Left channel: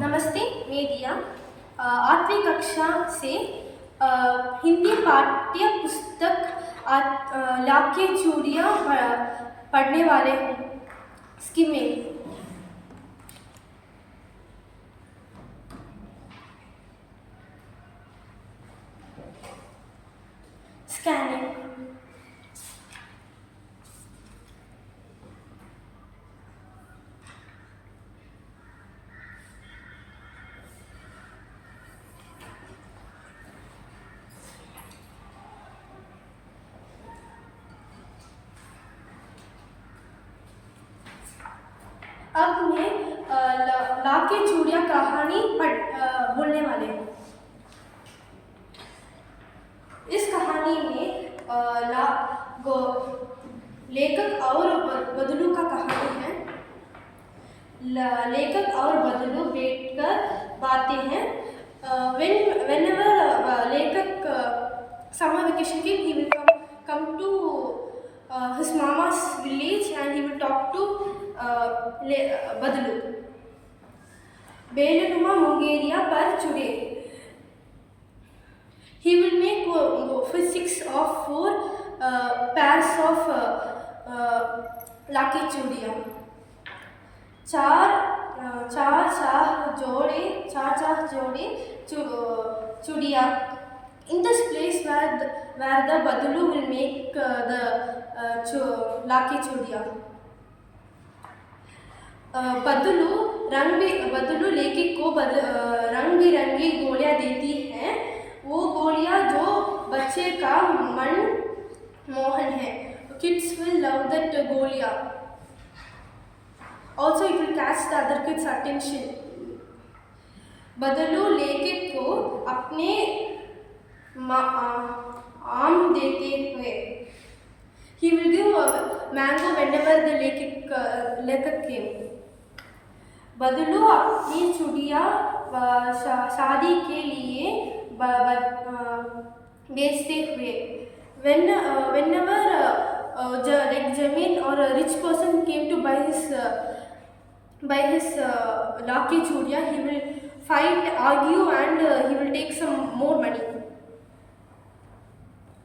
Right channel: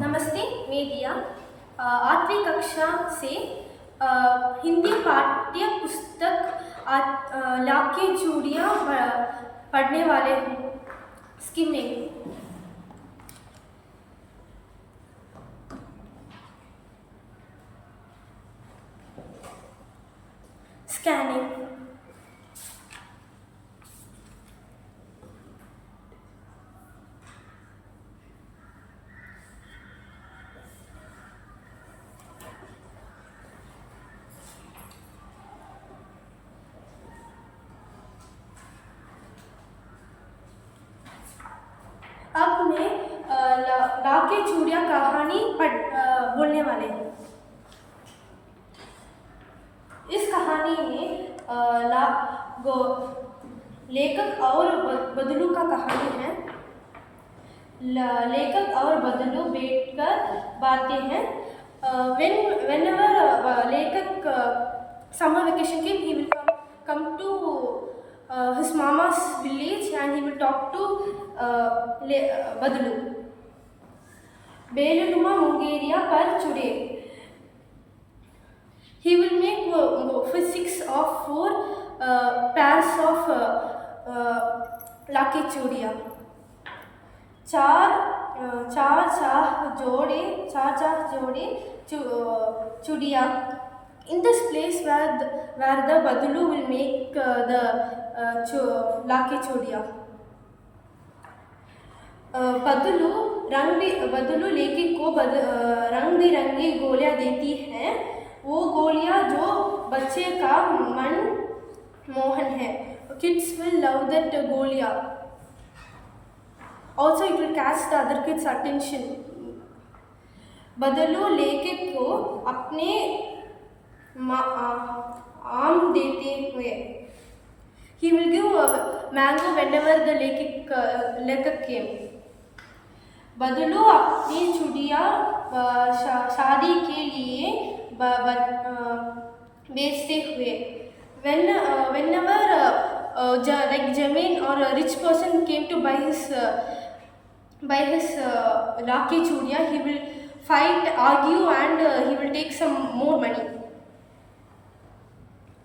नमस्ते, मैं दिया 8वीं कक्षा से हिंदी पाठ्य पुस्तक लाके चूड़ियाँ पढ़ने वाले हूँ। स्किमिंग, स्कैनिंग, अब मैं लाके चूड़ियाँ कहानी बोलने वाले हूँ। इस कहानी में लेखक और बदलू का कहानी है। लेखक और बदलू बैठकर बातें हैं। Whenever लेखक summer vacation came, he will come to his mama's village and he will talk to बदलू। बेलनुमा मुंगेरिया पर चुड़े। He will make physics of 4 pairs of लाके चूड़ियाँ। चार चाह जोड़े चूड़ियाँ। In this place where the Badalu will make the लाके चूड़ियाँ। बदलू लेके को रंग बिरंगी गोलियाँ देती हैं। वो गोलियाँ जो बच्चे का मन मोहन है। Kids will love that गोलियाँ. Also, it will catch the other kids' attention. बदलू लेके को अपने आम देते हुए। He will give a mango whenever the लेखक came. बदलू अपनी चूड़ियाँ शादी के लिए बेचते हुए। Whenever like Jamin or a rich person came to buy his लाके चूड़ियाँ, he will fight, argue and he will take some more money.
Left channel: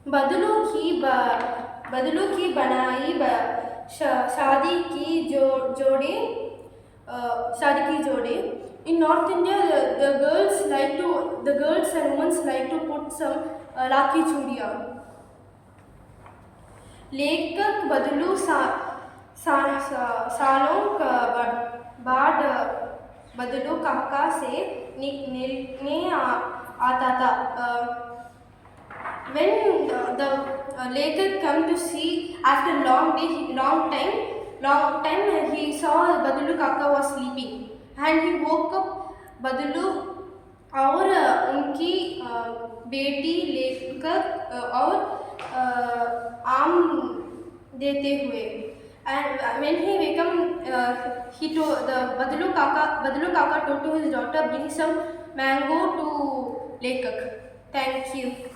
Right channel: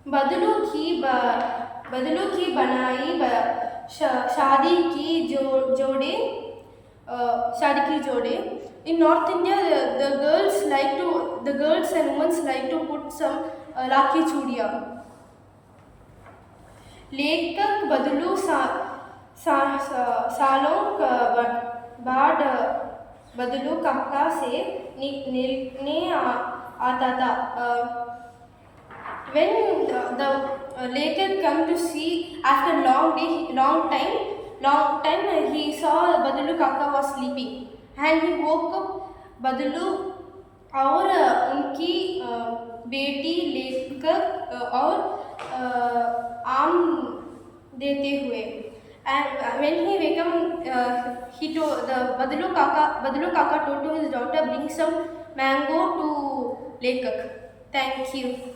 बदलू की बनाई शादी की जोड़े। In North India, the girls and women like to put some लाके चूड़ियाँ. लेखक बदलू सालों बाद बदलू काका से मिलने आता था. When the लेखक come to see after long time, he saw बदलू काका was sleeping and he woke up बदलू और उनकी बेटी लेखक और आम देते हुए. And when he become, Badalu Kaka told to his daughter, bring some mango to Lekak. Thank you.